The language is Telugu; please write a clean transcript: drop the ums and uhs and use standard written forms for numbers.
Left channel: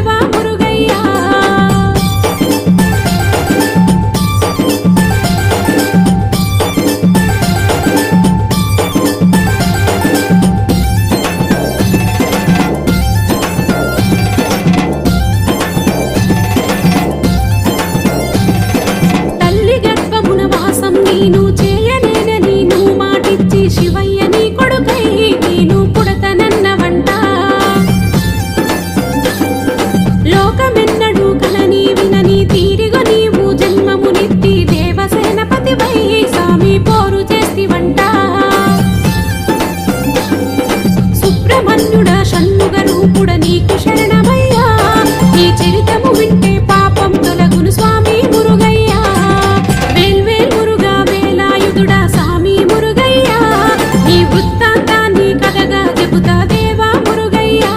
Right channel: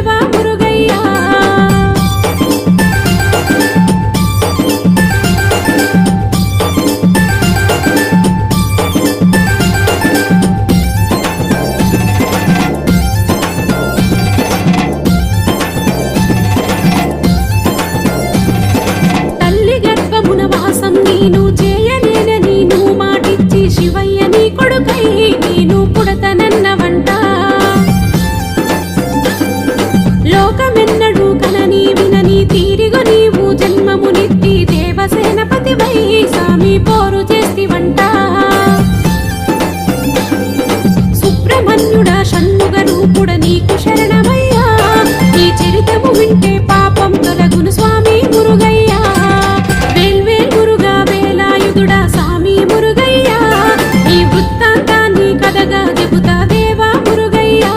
దేవా మురుగయ్యా. తల్లి గర్భమున వాసం నేను చేయలేనని నువ్వు మాటిచ్చి శివయ్య నీ కొడుకై నేను పుడతనన్నవంట. లోకమెన్నడూ కనని వినని తీరిగొ నీవు జన్మమునిట్టి దేవసేనపతివై సామి పోరు చేస్తివంట. సుబ్రహ్మణ్యుడ షణ్ముగ రూపుడ నీకు శరణమయ్యా. నీ చరితము వింటే పాపం తొలగును స్వామి మురుగయ్యా. వేల్వేల్ మురుగా వేలాయుధుడా స్వామి మురుగయ్యా. నీ వృత్తాంతాన్ని కథగా చెబుతా దేవా మురుగయ్యా.